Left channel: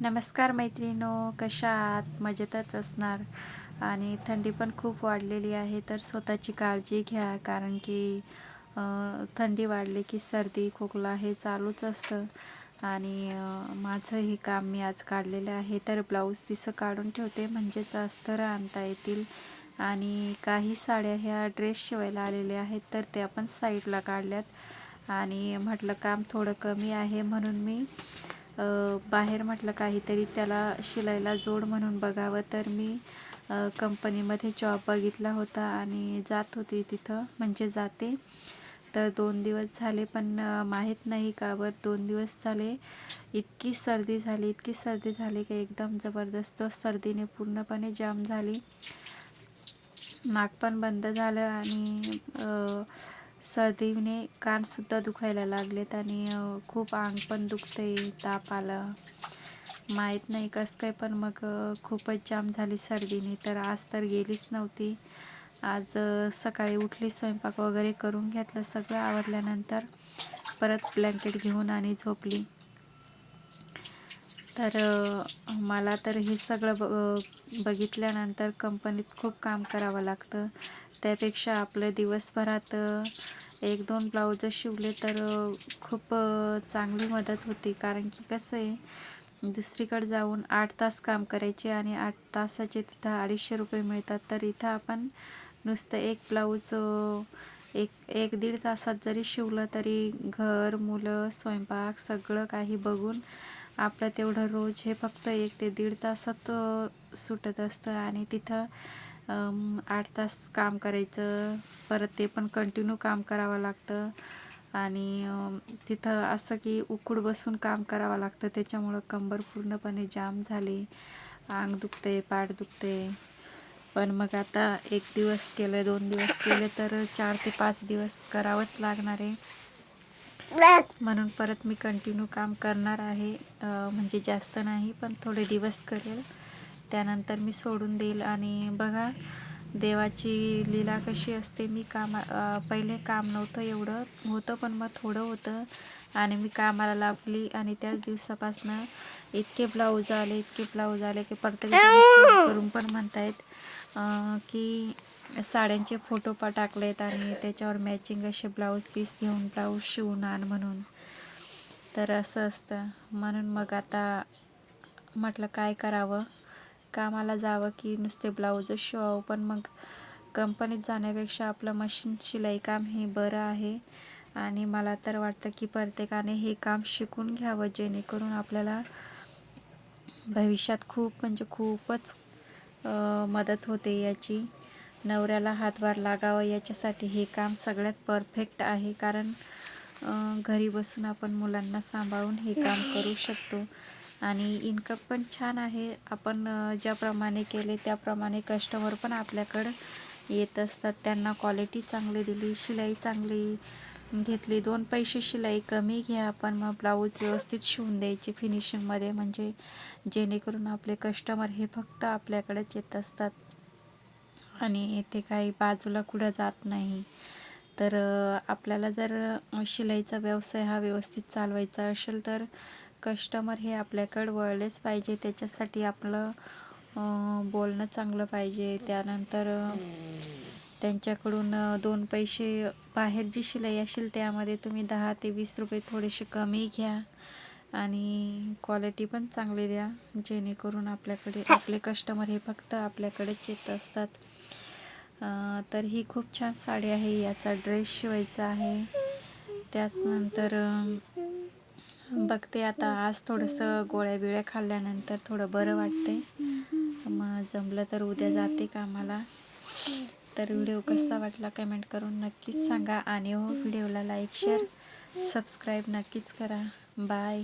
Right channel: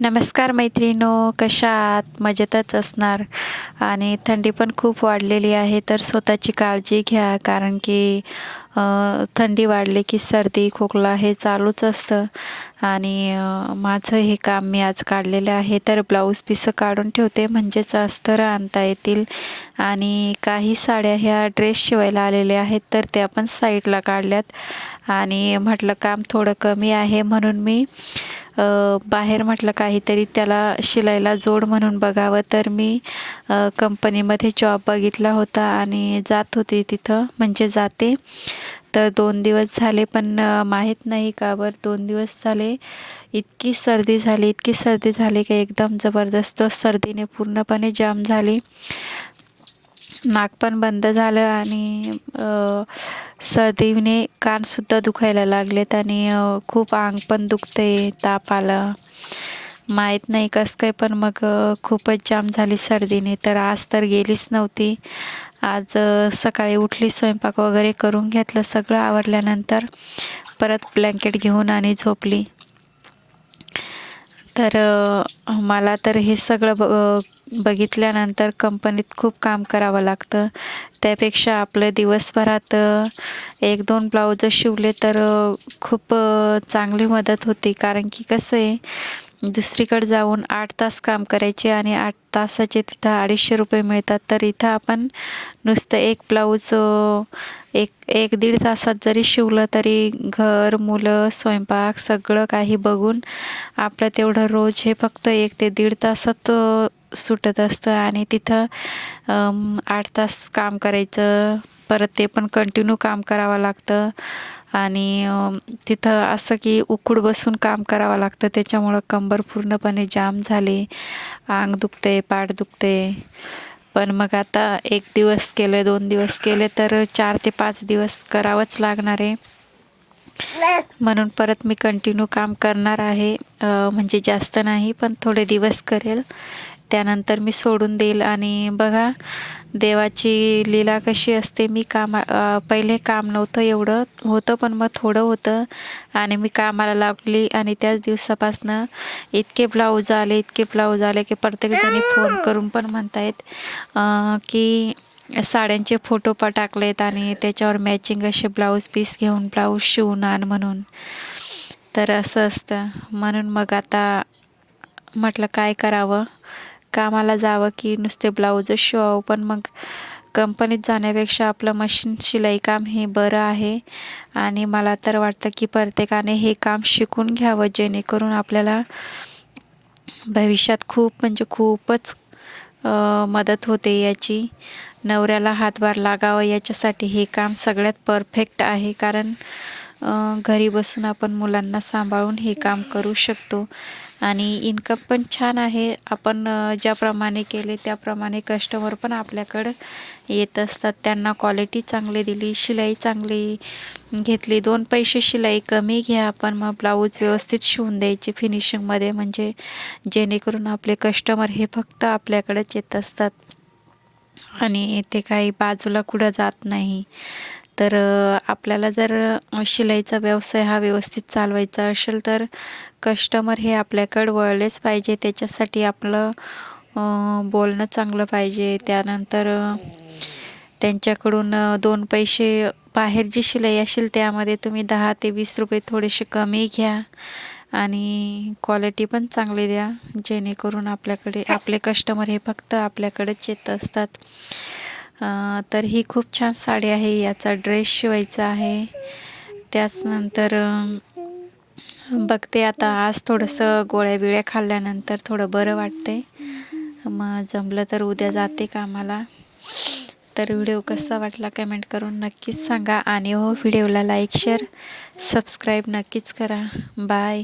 नमस्कार मैत्रिणो, कशा आहात? मजेतच असणार आणि थंडी पण खूप वाढलेली आहे, तर स्वतःची काळजी घ्या. कारण की थंडी वाढली की सर्दी, खोकला हे चालूच असतं आणि माझं हे काम मी आज काढलेलं आहे. तर ब्लाऊज पिसं काढून ठेवते, म्हणजेच अस्तर आणता येतील आणि काही साड्या ह्या ड्रेस शिवायला आलेल्या आहेत, तर त्या पण साईडला काढल्यात आणि म्हटलं काम थोडं कमी आहे म्हणून मी बाहेर म्हटलं काहीतरी त्याला शिलाईला जोड म्हणून बघावं, तर मी कंपनीमध्ये जॉब बघितला होता आणि जात होते तिथं, म्हणजे जाते. तर 2 दिवस झाले, पण माहीत नाही का बरं 2 दिवस झाले इतकी सर्दी झाली, इतकी सर्दी झाली की एकदम जबरदस्त सर्दीने पूर्णपणे जाम झाली. नाक पण बंद झालं आणि सर्दीने कानसुद्धा दुखायला लागलेत आणि खूप अंग पण दुखते, ताप आला. माहीत नाही कसं काय, पण मग खूपच जाम झाली सर्दीने. तर आज तर गेलीच नव्हती. आज सकाळी उठली, स्वयंपाक वगैरे करून घेतलं, सगळं आवरल्यानंतर परत ब्लँकेट घेऊन आणि झोपली. तर मला तर हे सगळं बघितल्यानंतर कंपनीत खूप काम करावं लागतं. त्यापेक्षा आपलं दिवसभरात 1-2 ब्लाउजं शिवले तर खूप चांगली मदत होते. कारण की कसं आहे, दुसरीकडे जाऊन 8 तास काम करायचे आणि 8 तासाचे तिथं ₹250 मिळतात. तर इथं आपण नुसतं एक ब्लाऊज एक 1-1.5 तासात जरी शिवलं तरी घर, मुलं, स्वयंपाक सगळं काही बघून आपलं तेवढं रोज हे फक्त 1 ते 1.5 तासात सुटत असतं आणि तिथं 8 तास काम करायचं. परत ते पण कंटिन्यू काम करावं लागतं आणि तिथं असं की उखूड बसून काम करावं लागतं. त्याच्यामुळं कंबर पूर्णपणे जाम झाली. अंग दुखते, पाठ दुखते. पण मग आता 1 दिवस केले, 2 दिवस केले, तर 4 ते 5 दिवस करावंच लागणार आहे. म्हणून परत मी कंटिन्यू काम करणार आहे. म्हणजे जास्त नाही, पण थोडे दिवस करेल. त्यानंतर मी सोडून देईल आणि बघा देवाची लीला कशी असते. मी पहिले काम नव्हतं एवढं, होतं पण मग थोडं होतं आणि मी कामाला लागली आणि त्याच दिवसापासनं इतके ब्लाऊज आले, इतके ब्लाऊज आले की प्रत्येकजणी फोन करून पण म्हणतायत की साड्यांचे फोटो टाकलेत आणि त्याच्यावर मॅचिंग असे ब्लाऊज पीस घेऊन ब्लाऊज शिवून आण म्हणून. तर असं असतं. म्हणून मग आता म्हटलं काय करावं? कामाला जावं की नुसते ब्लाऊजच शिवावं? पण मग कंपनीत जाण्यापेक्षा आपलं मशीन शिलाई काम हे बरं आहे आणि मला तर वाटतं की प्रत्येकाने हे काम शिकून घ्यावं, जेणेकरून आपल्याला भविष्यात खूप म्हणजे खूपच मदत होते याची. नवऱ्याला हातभार लागावा याच्यासाठी हे काम सगळ्यात परफेक्ट आहे. कारण घरी बसून आपण मुलांना सांभाळून हे काम करू शकतो आणि इन्कम पण छान आहे. आपण ज्याप्रमाणे केले त्याप्रमाणे कस्टमर पण आपल्याकडं येत असतात. त्यांना क्वालिटी चांगली दिली, शिलाई चांगली घेतली, 2 पैसे शिलाई कमी घ्या, पण मग ब्लाऊज व्यवस्थित शिवून द्यायचे फिनिशिंगमध्ये, म्हणजे जेणेकरून आपले कस्टमर हे फक्त आपल्याकडेच येत असतात आणि ते काही बाजूला कुठं जात नाही. तर आपल्याला जर शिलाईचा व्यवसाय हा व्यवस्थित चालवायचा असेल तर कस्टमर हे आपल्याकडं वळलेच पाहिजे. त्याच्यासाठी आपलं बोलणं चांगलं पाहिजे. त्यानंतर त्यांच्याकडून 2 पैसे बाहेर जी शिलाई असेल त्यामध्ये तुम्ही 10 ते 20 रुपये थोडेसे कमी घ्या आणि क्वालिटी पण चांगली द्या, जेणेकरून आपल्याकडे आपले कस्टमर हे फक्त आपल्याकडेच येत असतात. तर ही खूप छान साडी आहे. याचा ड्रेस शिवायचा आहे. त्याचनंतर बघते आता आज थोडंसं गोळ्या-बिळ्या खाल्ल्यानंतर थोडं बरं वाटतंय. मग जमलं तर उद्या जाते कामाला. तर व्हिडिओ कसा वाटला कमेंट करून नक्कीच सांगा आणि हो व्हिडिओला लाईक, शेअर, सबस्क्राईब नक्कीच करा. बाय.